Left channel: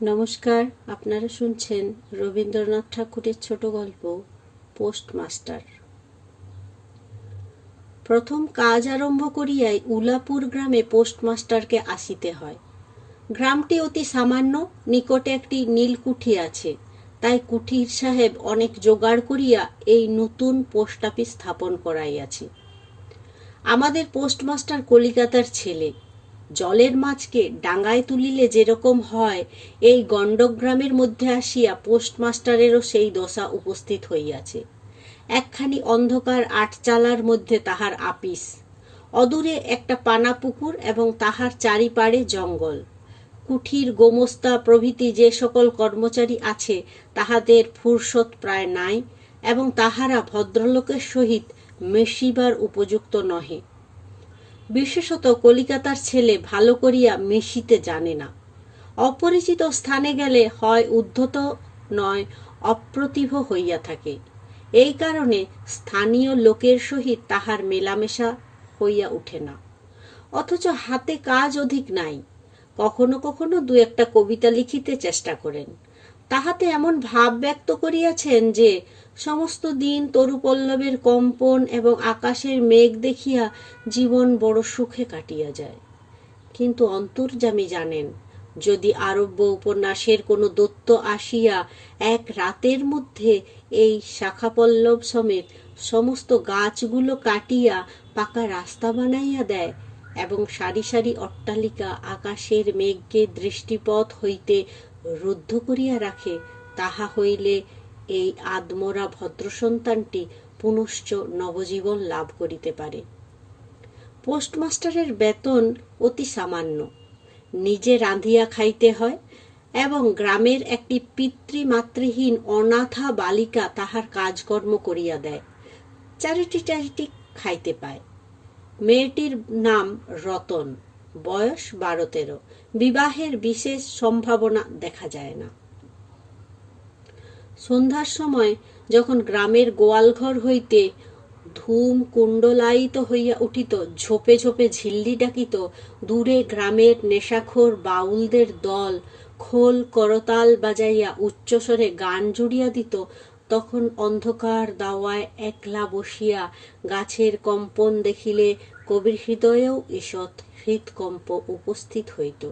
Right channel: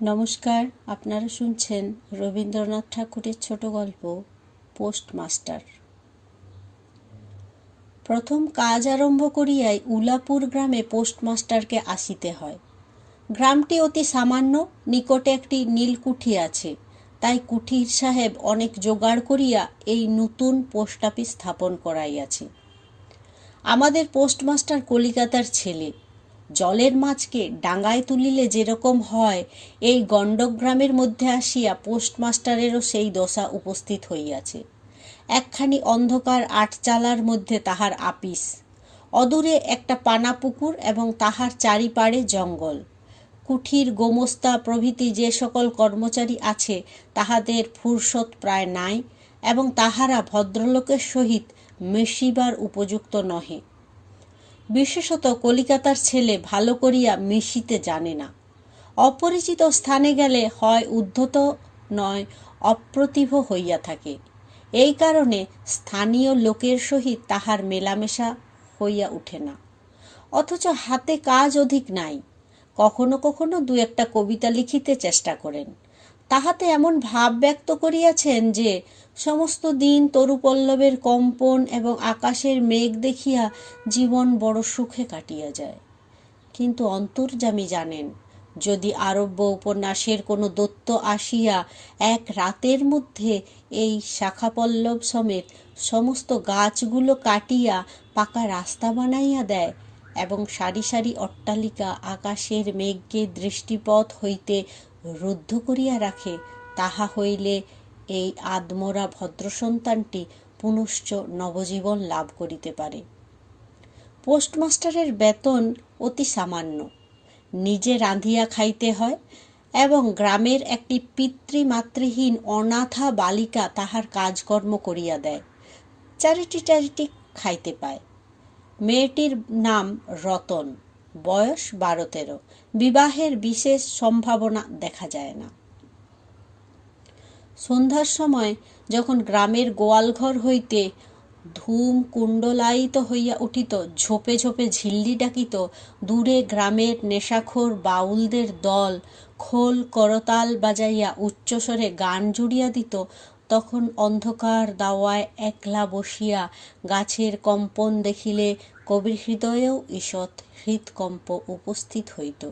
নমস্কার, আপনারা শুনছেন রবীন্দ্রনাথ ঠাকুরের ছোট গল্প পোস্টমাস্টার। প্রথম কাজ আরম্ভ করিয়াই উলাপুর গ্রামে পোস্টমাস্টারকে আসিতে হয়। গ্রামটি অতি সামান্য, নিকটে একটি নীলকুঠি আছে, তাই কুঠির সাহেব অনেক জোগাড় করিয়া এই নতুন পোস্ট অফিস স্থাপন করাইয়াছে। আমাদের পোস্টমাস্টার কলিকাতার ছেলে। জলের মাছকে ডাঙায় তুলিলে যেরকম হয়, এই গণ্ডগ্রামের মধ্যে আসিয়া পোস্টমাস্টারেরও সেই দশা উপস্থিত হইয়াছে। একখানি অন্ধকার আটচালার মধ্যে তাহার আপিস, অদূরে একটা পানা পুকুর এবং তাহার চারিপাড়ে জঙ্গল। কুঠির, গোমস্তা প্রভৃতি যে সকল কর্মচারী আছে, তাহাদের ফুরসত প্রায় নাই এবং তাহারা ভদ্রলোকের সহিত মেশিবার উপযুক্ত নহে। বিশেষত কলিকাতার ছেলে ভালো করিয়া মিশিতে জানে না। অপরিচিত স্থানে গেলে হয় উদ্ধত, নয় অপ্রতিভ হইয়া থাকে। এই কারণে স্থানীয় লোকের সহিত তাহার মেলামেশা হইয়া উঠে না। অথচ হাতে কাজ অধিক নাই। কখনো কখনো দু একটা কবিতা লিখিতে চেষ্টা করেন। তাহাতে এমন ভাব ব্যক্ত করিয়াছেন যে সমস্ত দিন তরুপল্লবের কম্পন এবং আকাশের মেঘ দেখিয়া জীবন বড় সুখে কাটিয়া যায়। কিন্তু অন্তর্যামী জানেন, যদি আরব্য উপন্যাসের কোনো দৈত্য আসিয়া এক রাতের মধ্যে এই শাখাপল্লব সমেত সমস্ত গাছগুলো কাটিয়া পাকা রাস্তা বানাইয়া দেয় এবং সারি সারি অট্টালিকা আকাশের মেঘকে দৃষ্টিপথ হইতে রুদ্ধ করিয়া রাখে, তাহা হইলে এই আদমরা ভদ্রসন্তানটি পুনশ্চ নবজীবন লাভ করিতে পারে। পোস্টমাস্টারের বেতন অতি সামান্য। নিজে রাঁধিয়া খাইতে হয় এবং গ্রামের একটি পিতৃমাতৃহীন অনাথা বালিকা তাহার কাজকর্ম করিয়া দেয়। চারিটি খাইতে পায়। মেয়েটির নাম রতন, বয়স 12-13। বিবাহের বিশেষ সম্ভাবনা দেখা যায় না। সন্ধ্যার সময় যখন গ্রামের গোয়ালঘর হইতে ধূম কুণ্ডলায়িত হইয়া উঠিত, ঝোপে ঝোপে ঝিল্লি ডাকিত, দূরে গ্রামের নেশাখোর বাউলদের দল খোল করতাল বাজাইয়া উচ্চস্বরে গান জুড়িয়া দিত, তখন অন্ধকার দাওয়ায় একলা বসিয়া গাছের কম্পন দেখিলে কবির হৃদয়েও ঈষৎ হৃৎকম্প উপস্থিত হইত।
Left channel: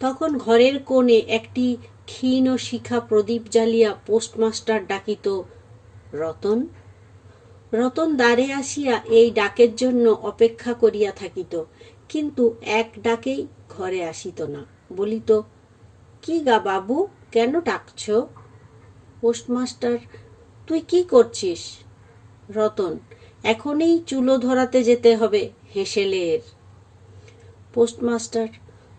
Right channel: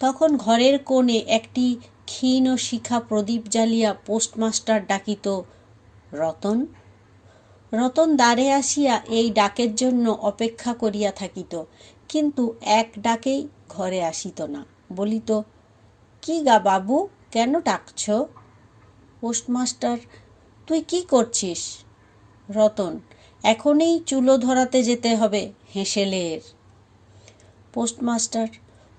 তখন ঘরের কোণে একটি ক্ষীণ শিখা প্রদীপ জ্বালিয়া পোস্টমাস্টার ডাকিত, রতন। রতন দ্বারে আসিয়া এই ডাকের জন্য অপেক্ষা করিয়া থাকিত, কিন্তু এক ডাকেই ঘরে আসিত না। বলিত, কি গা বাবু, কেন ডাকছ? পোস্টমাস্টার, তুই কি করছিস? রতন, এখনই চুলো ধরাতে যেতে হবে হেঁসেলের। পোস্টমাস্টার,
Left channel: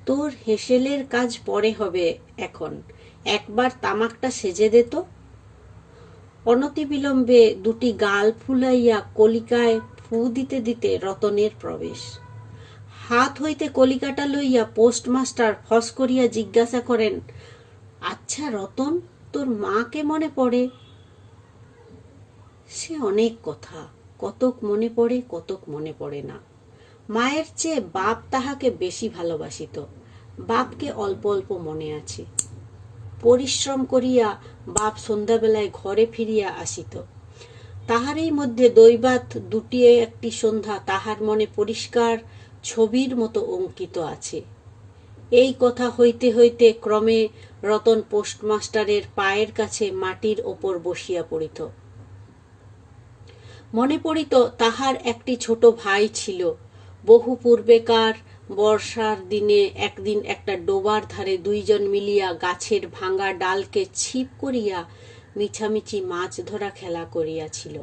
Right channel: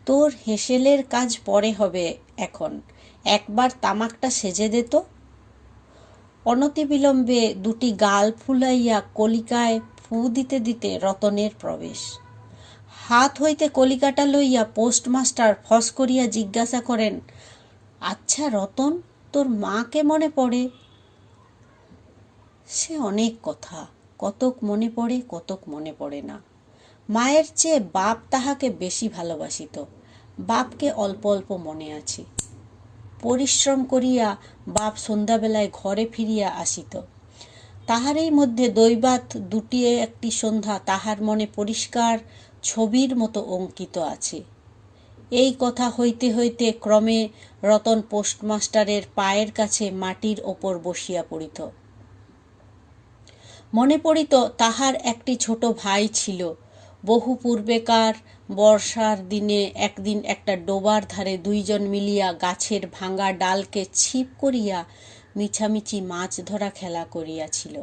তোর হেঁসেলের কাজ পরে হবে, এখন একবার তামাকটা সেজে দে তো। অনতিবিলম্বে দুটি গাল ফুলাইয়া কলিকায় ফু দিতে দিতে রতনের প্রবেশ। হাত হইতে কলিকাটা লইয়া পোস্টমাস্টার ফস করিয়া জিজ্ঞাসা করেন, আচ্ছা রতন, তোর মাকে মনে পড়ে? সে অনেক কথা, কতক মনে পড়ে, কতক মনে পড়ে না। মায়ের চেয়ে বাপ তাহাকে বেশি ভালোবাসিত। বাপকে অল্প অল্প মনে আছে। পরিশ্রম করিয়া বাপ সন্ধ্যাবেলায় ঘরে ফিরিয়া আসিত। তাহারই মধ্যে দৈবাত দুটি একটি সন্ধ্যা তাহার মনে পরিষ্কার ছবির মতো অঙ্কিত আছে। এই কথা হইতে হইতে ক্রমে রতন পোস্টমাস্টারের পায়ের কাছে মাটির ওপর বসিয়া পড়িত। মনে পড়িত তাহার একটি ছোট ভাই ছিল। বহু পূর্বেকার বর্ষার দিনে একদিন একটা ডোবার ধারে দুইজন মিলিয়া গাছের ভাঙা ডালকে ছিপ করিয়া মিছামিছি মাছ ধরা খেলা করিয়াছিল।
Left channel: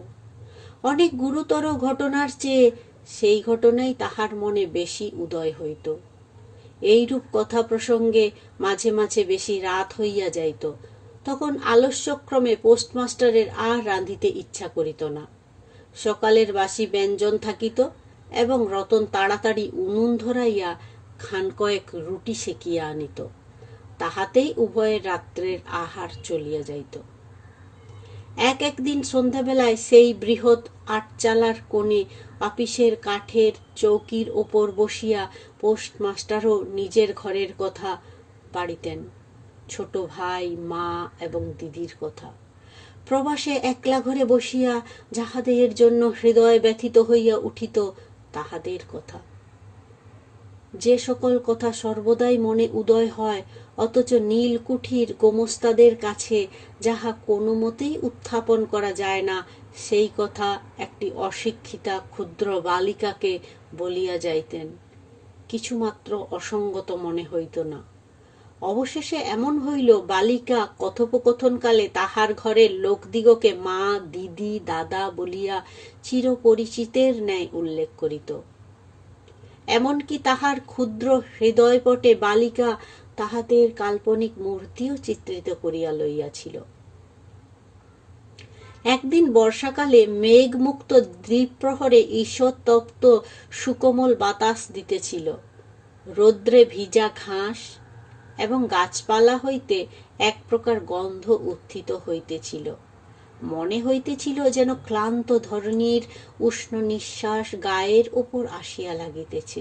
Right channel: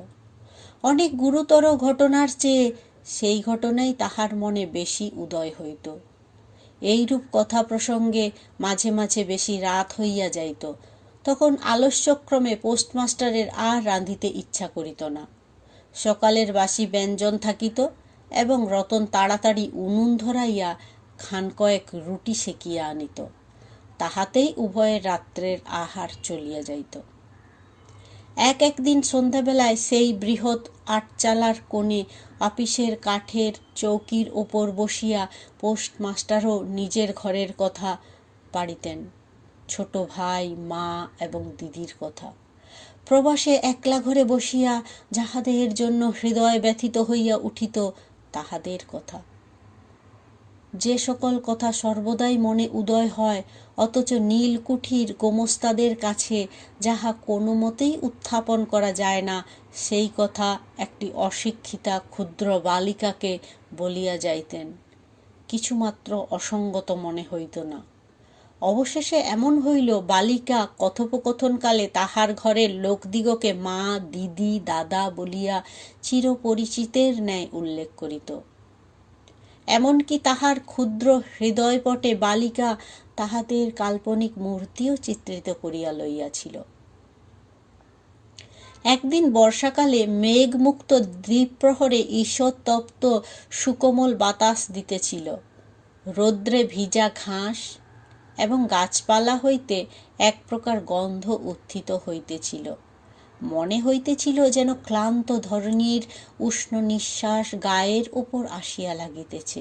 অনেক গুরুতর ঘটনার চেয়ে সেই ঘটনাই তাহার মনে বেশি উদয় হইত। এইরূপ কথা প্রসঙ্গে মাঝে মাঝে বেশি রাত হইয়া যাইত। তখন আলস্যক্রমে পোস্টমাস্টারের আর রাঁধিতে ইচ্ছা করিত না। সকালের বাসি ব্যঞ্জন থাকিত এবং রতন তাড়াতাড়ি উনুন ধরাইয়া খান কয়েক রুটি সেকিয়া আনিত। তাহাতেই উভয়ের রাত্রের আহার চলিয়া যাইত। একদিন সন্ধ্যাবেলায় সেই বৃহৎ আটচালার কোণে আপিসের কাঠের চৌকির ওপর বসিয়া পোস্টমাস্টারও নিজের ঘরের কথা পাড়িতেন। ছোট ভাই, মা এবং দিদির কথা। প্রবাসে একলা ঘরে বসিয়া যাহাদের জন্য হৃদয় ব্যথিত হইয়া উঠিত তাহাদের কথা। যে সকল কথা সর্বদাই মনে উদয় হয়, অথচ নীলকুঠির গোমস্তাদের কাছে যাহা কোনো মতেই উত্থাপন করা যায় না, সেই কথা একটি অশিক্ষিতা ক্ষুদ্র বালিকাকে বলিয়া যাইতেন। কিছুমাত্র অসঙ্গত মনে হইত না। অবশেষে এমন হইল, বালিকা কথোপকথনকালে তাহার ঘরের লোকদিগকে মা, দিদি, দাদা বলিয়া চিরপরিচিতের ন্যায় উল্লেখ করিত। এমনকি তাহার ক্ষুদ্র হৃদয়পটে বালিকা তাহাদের কাল্পনিক মূর্তিও চিত্রিত করিয়া লইয়াছিল। একদিন বর্ষাকালে মেঘমুক্ত দ্বিপ্রহরে ঈষৎতপ্ত সুকোমল বাতাস দিতেছিল। রৌদ্রে ভিজা ঘাস এবং গাছপালা হইতে এক প্রকার গন্ধ উত্থিত হইতেছিল। মনে হইতেছিল যেন ক্লান্ত ধরণীর উষ্ণ নিঃশ্বাস গায়ের উপর আসিয়া লাগিতেছে,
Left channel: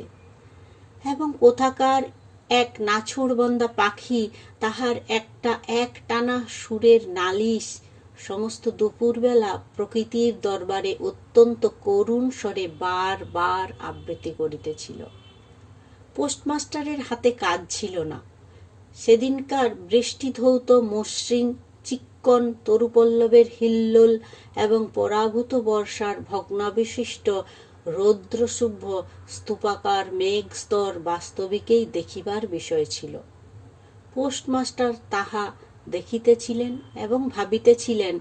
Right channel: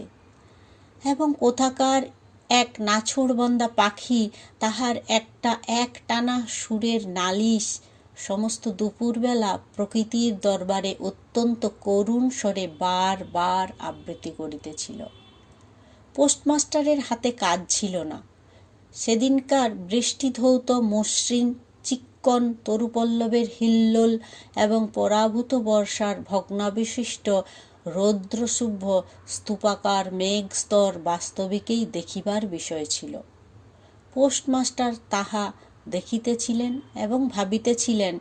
এবং কোথাকার এক নাছোড়বন্দা পাখি তাহার একটানা সুরের নালিশ সমস্ত দুপুরবেলা প্রকৃতির দরবারে অত্যন্ত করুণ স্বরে বার বার আবৃত্তি করিতেছিল। পোস্টমাস্টারের হাতে কাজ ছিল না। সেদিনকার বৃষ্টিধৌত মসৃণ চিক্কণ তরুপল্লবের হিল্লোল এবং পরাভূত বর্ষার ভগ্নাবশিষ্ট রৌদ্রশুভ্র স্তূপাকার মেঘস্তর বাস্তবিকেই দেখিবার বিষয় ছিল। পোস্টমাস্টার তাহা দেখিতেছিলেন এবং ভাবিতেছিলেন,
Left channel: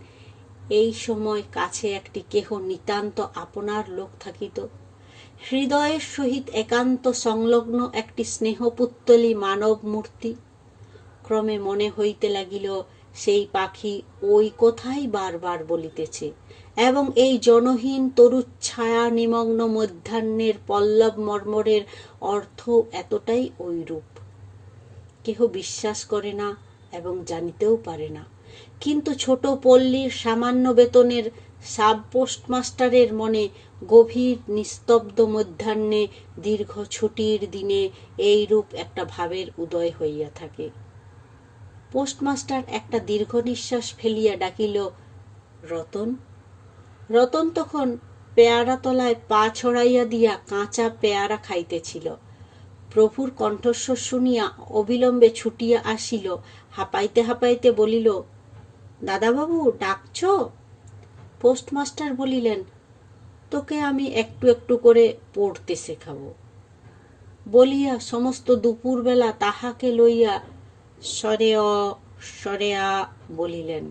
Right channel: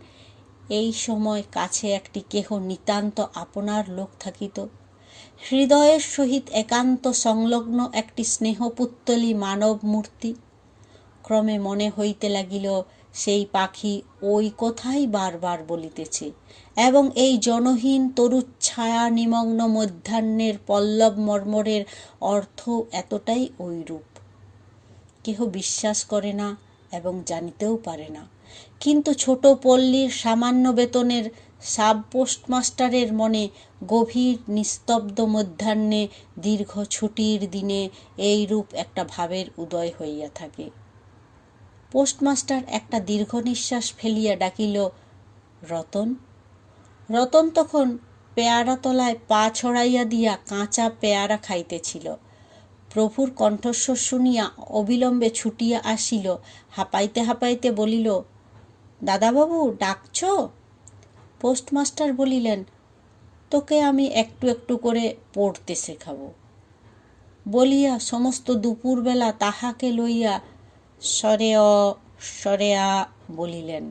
এই সময় কাছে একটি কেহ নিতান্ত আপনার লোক থাকিত, হৃদয়ের সহিত একান্ত সংলগ্ন একটি স্নেহপুত্তলী মানব মূর্তি। ক্রমে মনে হইতে লাগিল, সেই পাখি ওই কথাই বারবার বলিতেছে, এবং এই জনহীন তরুচ্ছায়া নিমগ্ন মধ্যাহ্নের পল্লব মর্মরের অর্থ এতটাই ঐরূপ। কেহ বিশ্বাস করে না এবং জানিতেও পারে না, কিন্তু ছোট পল্লীর সামান্য বেতনের সাব পোস্টমাস্টারের মনে গভীর নিস্তব্ধ মধ্যাহ্নে দীর্ঘ ছুটির দিনে এইরূপ একটা ভাবের উদয় হইয়া থাকে। পোস্টমাস্টার একটা দীর্ঘ নিঃশ্বাস ফেলিয়া ডাকিল, রতন। রতন তখন পেয়ারা তলায় পা ছড়াইয়া দিয়া কাঁচা পেয়ারা খাইতেছিল। প্রভুর কণ্ঠস্বর শুনিয়া অবিলম্বে ছুটিয়া আসিল, হাঁপাইতে হাঁপাইতে বলিল, দাদাবাবু ডাকছ? পোস্টমাস্টার বলিলেন, তোকে আমি একটু একটু করে পড়তে শেখাবো বলিয়া সমস্ত দুপুরবেলা তাহাকে লইয়া সরে অ সরে আ বলিলেন,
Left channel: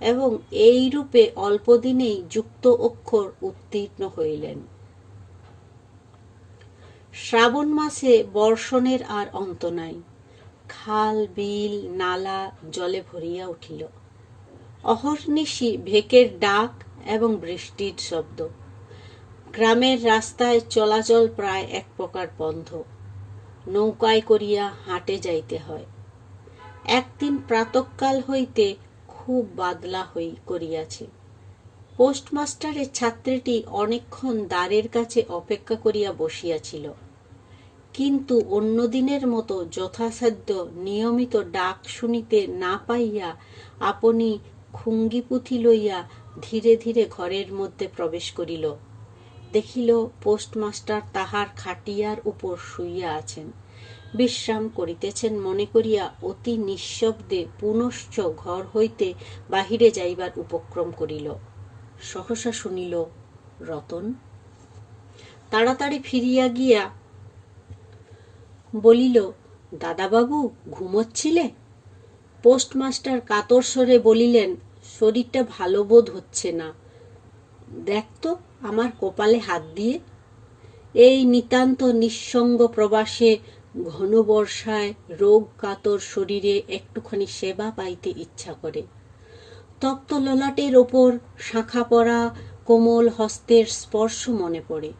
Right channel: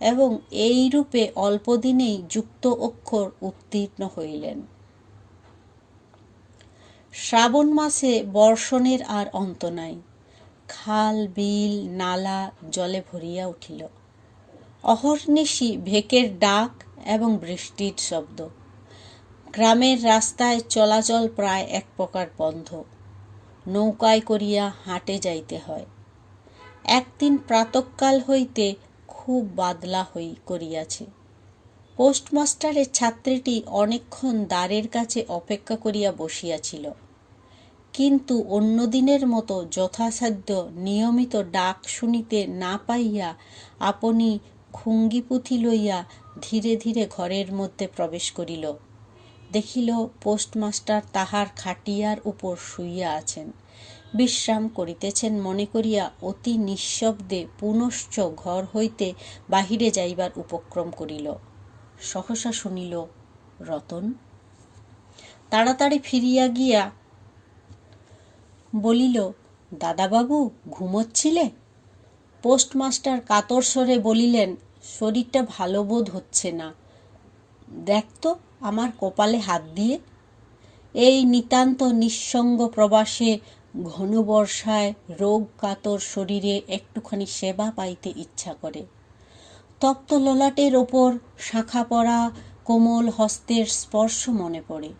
এবং এইরূপে অল্পদিনেই যুক্ত অক্ষর উত্তীর্ণ হইলেন। শ্রাবণ মাসে বর্ষণের আর অন্ত নাই। খাল, বিল, নালা জলে ভরিয়া উঠিল। অহর্নিশি ভেকের ডাক এবং বৃষ্টির শব্দ। গ্রামের রাস্তায় চলাচল প্রায় এক প্রকার বন্ধ। নৌকায় করিয়া হাটে যাইতে হয়। একদিন প্রাতঃকাল হইতে খুব বাদলা করিয়াছে। পোস্টমাস্টারের ছাত্রীটি অনেকক্ষণ দ্বারের কাছে অপেক্ষা করিয়া বসিয়াছিল, কিন্তু অন্য দিনের মতো যথাসাধ্য নিয়মিত ডাক শুনিতে না পাইয়া আপনি খুঙ্গিপুঁথি লইয়া ধীরে ধীরে ঘরের মধ্যে প্রবেশ করিল। দেখিল পোস্টমাস্টার তাহার খাটিয়ার উপর শুইয়া আছেন, বিশ্রাম করিতেছেন মনে করিয়া অতি নিঃশব্দে পুনশ্চ ঘর হইতে বাহিরে যাইবার উপক্রম করিল। সহসা শুনিল, রতন। তাড়াতাড়ি ফিরিয়া গিয়া বলিল, দাদাবাবু ঘুমোচ্ছিলে? পোস্টমাস্টার কাতর স্বরে বলিলেন, শরীরটা ভালো বোধ হচ্ছে না, দেখ তো আমার কপালে হাত দিয়ে। এই নিতান্ত নিঃসঙ্গ প্রবাসে ঘন বর্ষায় রোগ কাতর শরীরে একটুখানি সেবা পাইতে ইচ্ছা করে। তপ্ত ললাটের ওপর শাঁখা পরা কোমল হস্তের স্পর্শ মনে পড়ে।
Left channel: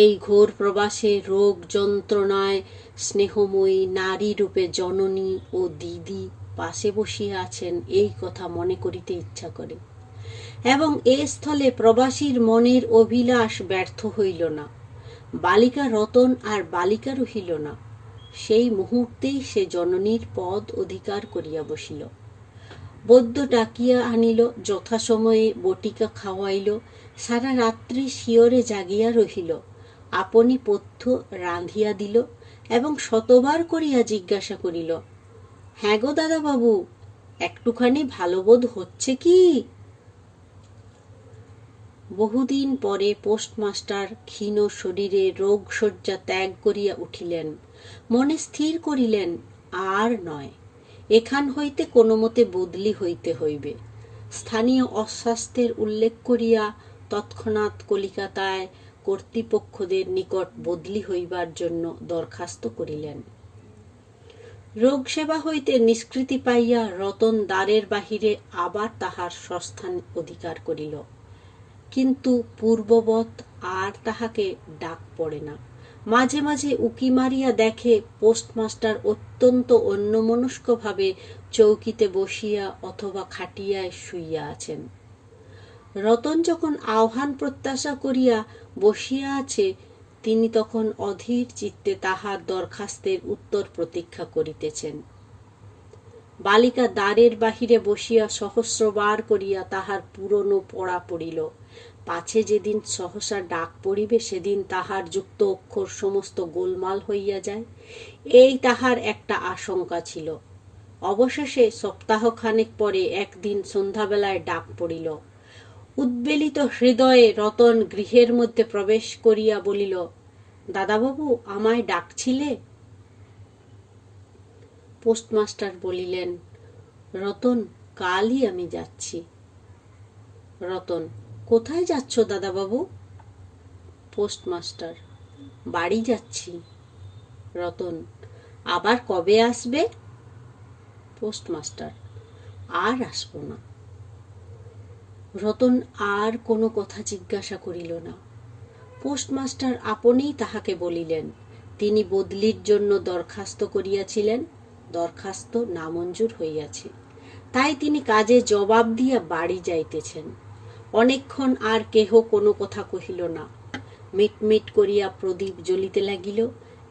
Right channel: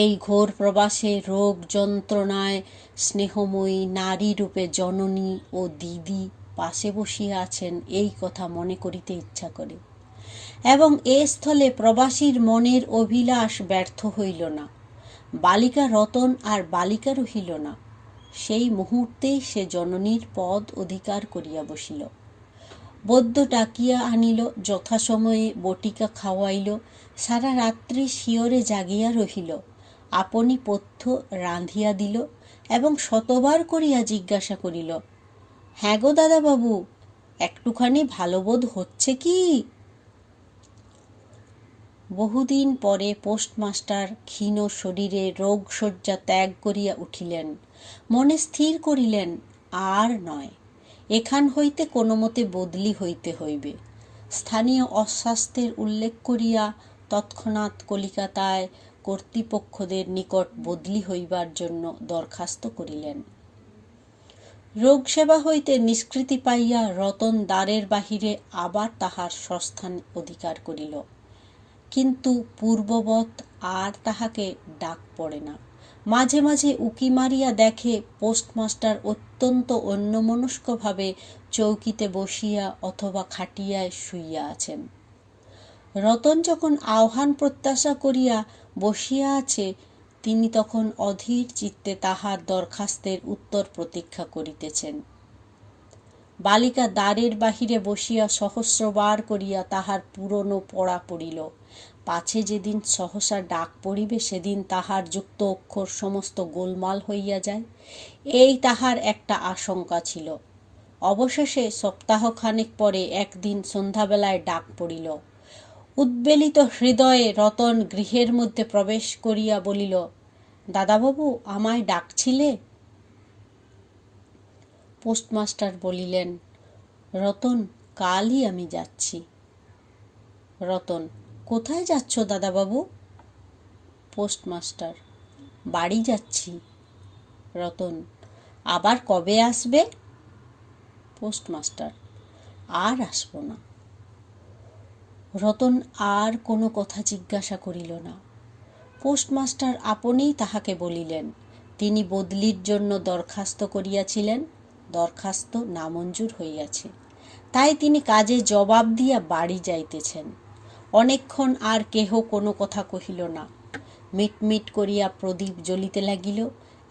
এই ঘোর প্রবাসে রোগ যন্ত্রণায় স্নেহময়ী নারী রূপে জননী ও দিদি পাশে বসিয়া আছেন, এই কথা মনে করিতে ইচ্ছা করে। এবং এ স্থলে প্রবাসীর মনের অভিলাষ ব্যর্থ হইল না। বালিকা রতন আর বালিকা রহিল না। সেই মুহূর্তেই সে জননীর পদ অধিকার করিয়া বসিল। বৈদ্য ডাকিয়া আনিল, যথাসময়ে বটিকা খাওয়াইল, সারা রাত্রি শিয়রে জাগিয়া রহিল, আপনি পথ্য রাঁধিয়া দিল এবং শতবার করিয়া জিজ্ঞাসা করিল, হ্যাঁ গো দাদাবাবু, একটুখানি ভালো বোধ হচ্ছে কি? বহুদিন পরে পোস্টমাস্টার ক্ষীণ শরীরে রোগশয্যা ত্যাগ করিয়া উঠিলেন। মনে স্থির করিলেন, আর নয়, এখান হইতে কোনো মতে বদলি হইতে হইবে। স্থানীয় অস্বাস্থ্যের উল্লেখ করিয়া তৎক্ষণাৎ কলিকাতায় কর্তৃপক্ষদের নিকট বদলি হইবার জন্য দরখাস্ত করিলেন। রোগসেবা হইতে নিষ্কৃতি পাইয়া রতন দ্বারের বাহিরে আবার তাহার স্বস্থান অধিকার করিল, কিন্তু পূর্ববৎ আর তাহাকে ডাক পড়ে না। মাঝে মাঝে উকি মারিয়া দেখে পোস্টমাস্টার অত্যন্ত অন্যমনস্কভাবে চৌকিতে বসিয়া অথবা খাটিয়ায় শুইয়া আছেন। রতন যখন আহ্বান প্রত্যাশা করিয়া বসিয়া আছে, তিনি তখন অধীর চিত্তে তাহার দরখাস্তের উত্তর প্রতীক্ষা করিতেছেন। বালিকা দ্বারের বাহিরে বসিয়া সহস্রবার করিয়া তাহার পুরনো পড়া পড়িল, পাছে যেদিন সহসা ডাক পড়িবে সেদিন তাহার যুক্ত অক্ষর সমস্ত গোলমাল হইয়া যায়, এই তাহার একটা আশঙ্কা ছিল। অবশেষে সপ্তাহখানেক পরে একদিন সন্ধ্যাবেলায় ডাক পড়িল। উদ্বেলিত হৃদয়ে রতন গৃহের মধ্যে প্রবেশ করিয়া বলিল, দাদাবাবু, আমায় ডাকছিলে? পোস্টমাস্টার বলিলেন, রতন, কালই আমি যাচ্ছি। রতন, কোথায় যাচ্ছ দাদাবাবু? পোস্টমাস্টার, বাড়ি যাচ্ছি। রতন, আবার কবে আসবে? পোস্টমাস্টার, আর আসব না। রতন আর কোনো কথা জিজ্ঞাসা করিল না। পোস্টমাস্টার আপনিই তাহাকে বলিলেন, তিনি বদলির জন্য দরখাস্ত করিয়াছিলেন, দরখাস্ত নামঞ্জুর হইয়াছে, তাই তিনি কাজে জবাব দিয়া বাড়ি যাইতেছেন। অনেকক্ষণ আর কেহ কোনো কথা কহিল না। মিটমিট করিয়া প্রদীপ জ্বলিতে লাগিল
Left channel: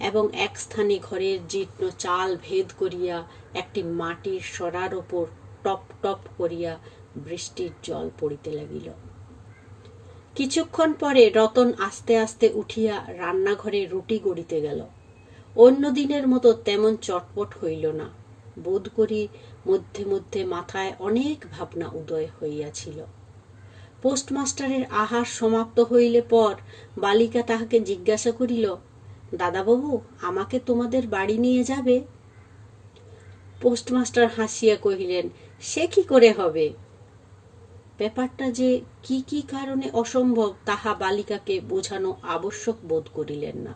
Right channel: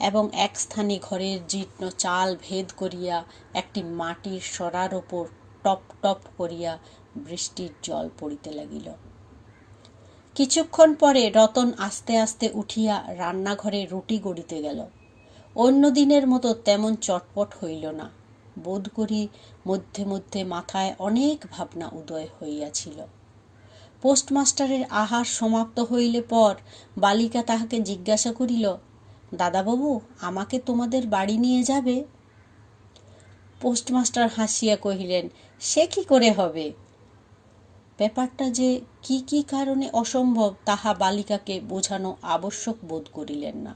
এবং এক স্থানে ঘরের জীর্ণ চাল ভেদ করিয়া একটি মাটির সরার ওপর টপ টপ করিয়া বৃষ্টির জল পড়িতে লাগিল। কিছুক্ষণ পরে রতন আস্তে আস্তে উঠিয়া রান্নাঘরে রুটি গড়িতে গেল। অন্য দিনের মতো তেমন চটপট হইল না। বোধ করি মধ্যে মধ্যে মাথায় অনেক ভাবনা উদয় হইয়াছিল। পোস্টমাস্টারের আহার সমাপ্ত হইলে পর বালিকা তাহাকে জিজ্ঞাসা করিল, দাদাবাবু, আমাকে তোমাদের বাড়ি নিয়ে যাবে? পোস্টমাস্টার হাসিয়া কহিলেন, সে কি করে হবে? ব্যাপারটা যে কি কি কারণে অসম্ভব তাহা বালিকাকে বোঝানো আবশ্যক বোধ করিলেন না।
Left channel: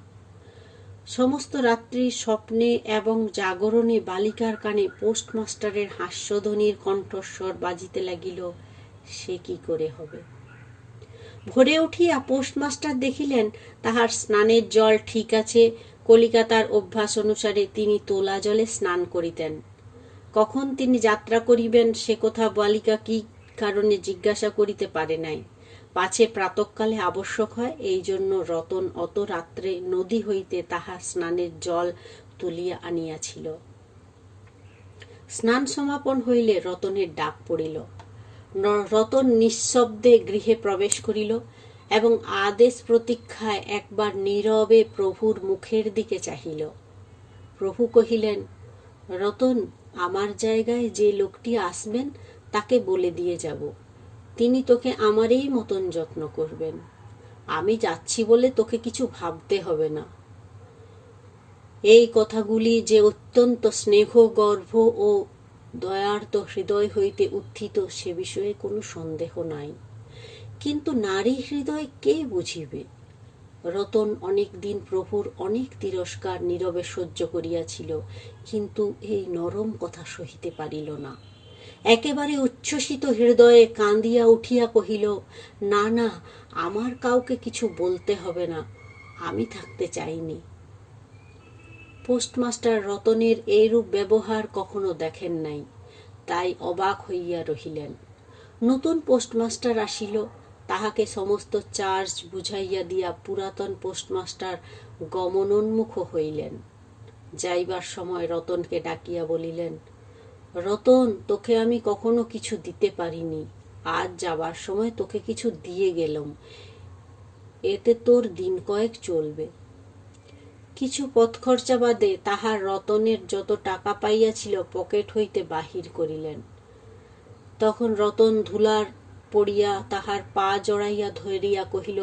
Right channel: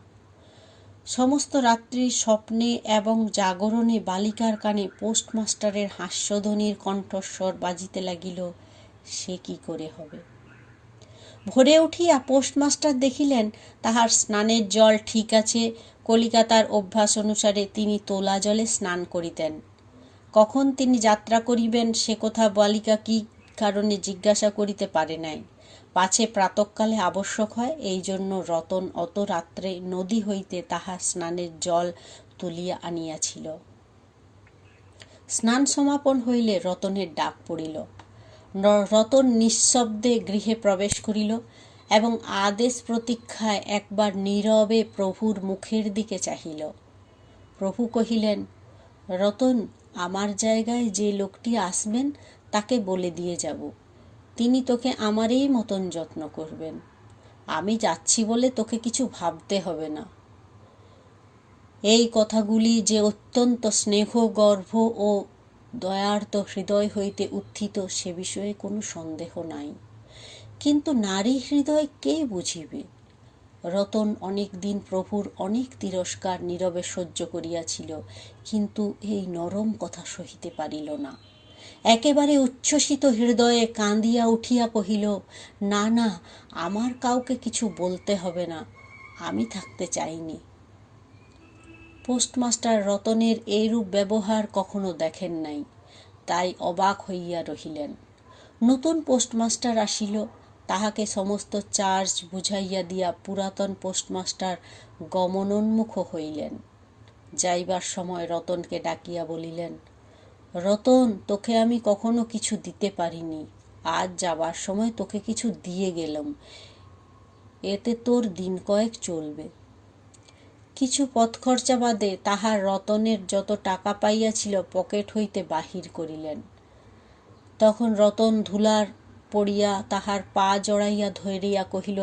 সমস্ত রাত্রি স্বপ্নে এবং জাগরণে বালিকার কানে পোস্টমাস্টারের হাস্যধ্বনির কণ্ঠস্বর বাজিতে লাগিল, সে কি করে হবে। ভোরে উঠিয়া পোস্টমাস্টার দেখিলেন তাহার স্নানের জল ঠিক আছে। কলিকাতার অভ্যাস অনুসারে তিনি তোলা জলে স্নান করিতেন। কখন তিনি যাত্রা করিবেন সে কথা বালিকা কি কারণে জিজ্ঞাসা করিতে পারে নাই। পাছে প্রাতঃকালে আবশ্যক হয়, এই জন্য রতন অত রাত্রে নদী হইতে তাহার স্নানের জল তুলিয়া আনিয়াছিল। স্নান সমাপন হইলে রতনের ডাক পড়িল। রতন নিঃশব্দে গৃহে প্রবেশ করিল এবং আদেশ প্রতীক্ষায় একবার নীরবে প্রভুর মুখের দিকে চাহিল। প্রভু কহিলেন, রতন, আমার জায়গায় যে লোকটি আসবেন তাকে বলে দিয়ে যাব, তিনি তোকে আমারই মতন যত্ন করবেন। আমি যাচ্ছি বলে তোকে কিছু ভাবতে হবে না। এই কথাগুলি যে অত্যন্ত স্নেহগর্ভ ও দয়ার্ত হৃদয় হইতে উত্থিত সে বিষয়ে কোনো সন্দেহ নাই। কিন্তু নারী হৃদয় কে বুঝিবে? রতন অনেক দিন প্রভুর অনেক তিরস্কার নীরবে সহ্য করিয়াছিল, কিন্তু এই নরম কথা সহিতে পারিল না। একেবারে উচ্ছ্বসিত হৃদয়ে কাঁদিয়া উঠিয়া কহিল, না না, আমার কাউকে কিছু বলতে হবে না, আমি থাকতে চাইনি। পোস্টমাস্টার রতনের এইরূপ ব্যবহার কখনো দেখেন নাই, তাই অবাক হইয়া রহিলেন। নতুন পোস্টমাস্টার আসিল, তাহাকে সমস্ত চার্জ বুঝাইয়া দিয়া পুরাতন পোস্টমাস্টার গমনোন্মুখ হইলেন। যাইবার সময় রতনকে ডাকিয়া বলিলেন, রতন, তোকে আমি কখনো কিছু দিতে পারিনি, আজ যাবার সময় তোকে কিছু দিয়ে গেলাম, এতে তোর দিন কয়েক চলবে। কিছু পথ খরচা বাদে তাহার রতনের যত টাকা পাইয়াছিল পকেট হইতে বাহির করিলেন। তখন রতন ধুলার পড়িয়া তাহার পা জড়াইয়া ধরিয়া কহিল,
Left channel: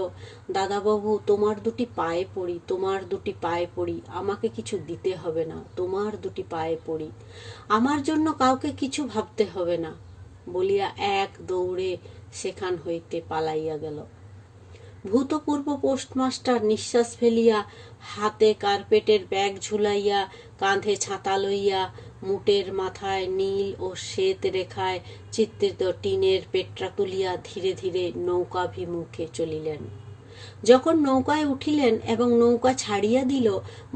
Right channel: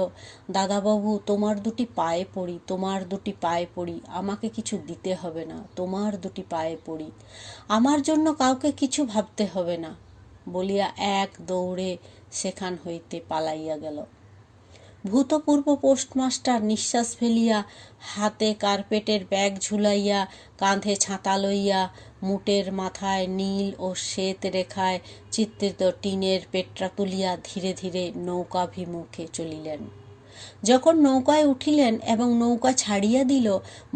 দাদাবাবু, তোমার দুটি পায়ে পড়ি, তোমার দুটি পায়ে পড়ি, আমাকে কিছু দিতে হবে না, তোমার দুটি পায়ে পড়ি, আমার জন্য কাউকে কিছু ভাবতে হবে না, বলিয়া এক দৌড়ে সেখান হইতে পালাইয়া গেল। ভূতপূর্ব পোস্টমাস্টার নিঃশ্বাস ফেলিয়া হাতে কার্পেটের ব্যাগ ঝুলাইয়া, কাঁধে ছাতা লইয়া, মুটের মাথায় নীল ও শ্বেত রেখায় চিত্রিত টিনের পেট্রা তুলিয়া ধীরে ধীরে নৌকাভিমুখে চলিলেন। যখন নৌকায় উঠিলেন এবং নৌকা ছাড়িয়া দিল,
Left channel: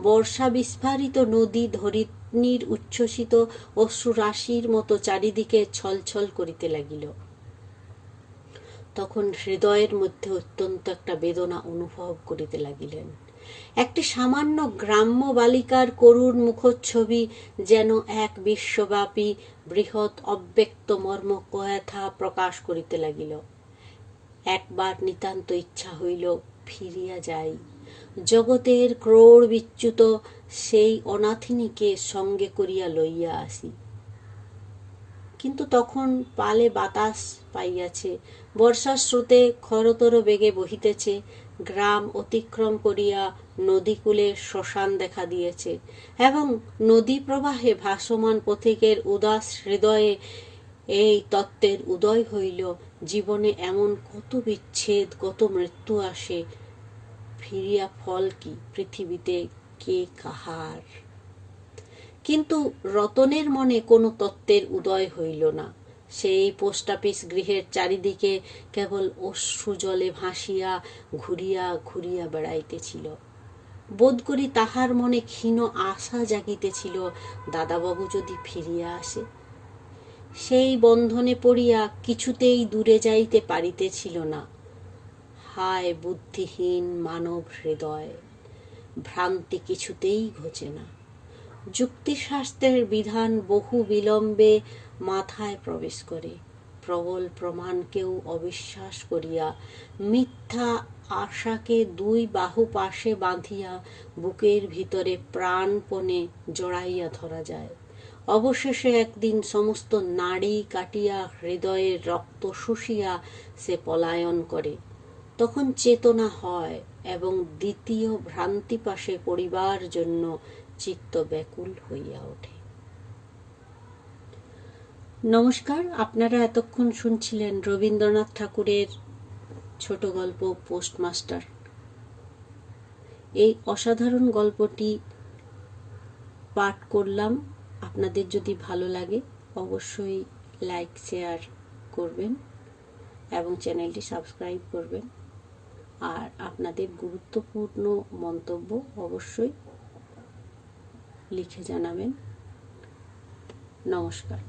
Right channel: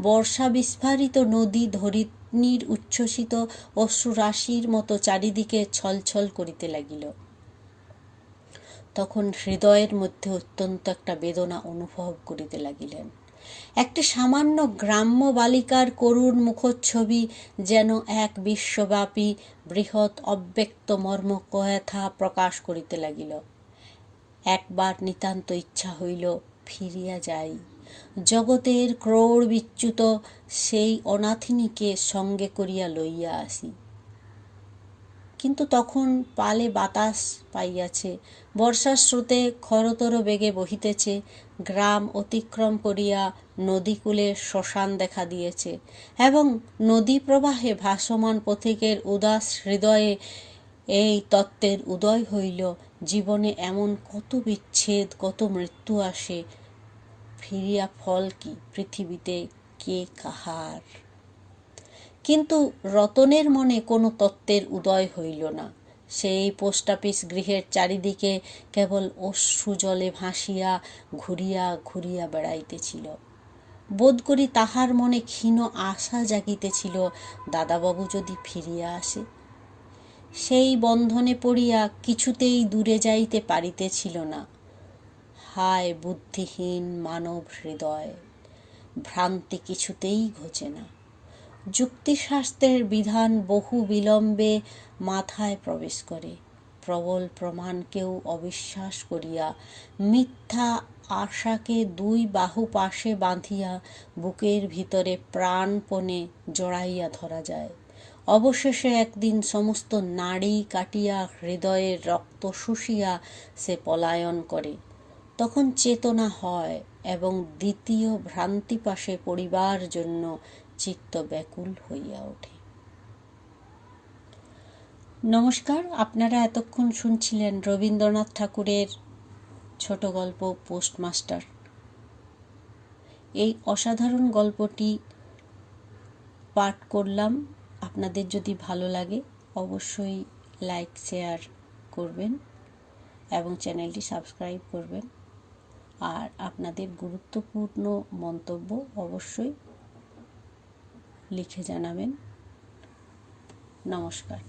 বর্ষা বিস্ফারিত নদী ধরিণীর উচ্ছ্বসিত অশ্রুরাশির মতো চারিদিকে ছলছল করিতে লাগিল। তখন হৃদয়ের মধ্যে অত্যন্ত একটা বেদনা অনুভব করিতে লাগিলেন। একটি সামান্য গ্রাম্য বালিকার করুণ মুখচ্ছবি যেন এক বিশ্বব্যাপী বৃহৎ অব্যক্ত মর্ম কথা প্রকাশ করিতে লাগিল। একবার নিতান্ত ইচ্ছা হইল ফিরিয়া যাই, জগতের ক্রোড় বিচ্যুত সেই অনাথিনীকে সঙ্গে করিয়া লইয়া আসি। কিন্তু তখন পালে বাতাস পাইয়াছে, বর্ষার স্রোতে খরতর বেগে বহিতেছে, গ্রাম অতিক্রম করিয়া নদীকূলে শ্মশান দেখা দিয়েছে, এবং নদী প্রবাহে ভাসমান পথিকের উদাস হৃদয়ে এই তত্ত্বের উদয় হইল, জীবনে এমন কত বিচ্ছেদ, কত মৃত্যু আসে, ফিরিয়া ফল কি, পৃথিবীতে কে কাহার। কিন্তু রতনের মনে কোনো তত্ত্বের উদয় হইল না। সেই পোস্ট অফিস গৃহের চারিদিকে কেবল অশ্রু জলে ভাসিয়া ঘুরিয়া ঘুরিয়া বেড়াইতেছিল। বোধ করি তাহার মনে ক্ষীণ আশা জাগিতেছিল, দাদাবাবু যদি ফিরিয়া আসে। সেই বন্ধনে পড়িয়া কিছুতেই দূরে যাইতে পারিতেছিল না। হায় বুদ্ধিহীন মানব হৃদয়, ভ্রান্তি কিছুতেই ঘোচে না। যুক্তিশাস্ত্রের বিধান বহু বিলম্বে মাথায় প্রবেশ করে, প্রবল প্রমাণকেও অবিশ্বাস করিয়া মিথ্যা আশাকে দুই বাহু পাশে বাঁধিয়া বুকের ভিতরে প্রাণপণে জড়াইয়া ধরা যায়। অবশেষে একদিন সমস্ত নাড়ি কাটিয়া হৃদয়ের রক্ত শুষিয়া সে পলায়ন করে। তখন চেতনা হয় এবং দ্বিতীয় ভ্রান্তিপাশে পড়িবার জন্য চিত্ত ব্যাকুল হইয়া ওঠে। নমস্কার, আপনারা এতক্ষণ শুনছিলেন রবীন্দ্রনাথ ঠাকুরের ছোট গল্প পোস্টমাস্টার। এই অসাধারণ গল্পটি পাঠ করলাম। আপনাদের যদি ভালো লাগে অবশ্যই লাইক শেয়ার করবেন এবং চ্যানেলটি সাবস্ক্রাইব করবেন, আর আপনাদের গুরুত্বপূর্ণ মন্তব্য অবশ্যই লিখে জানাবেন। নমস্কার।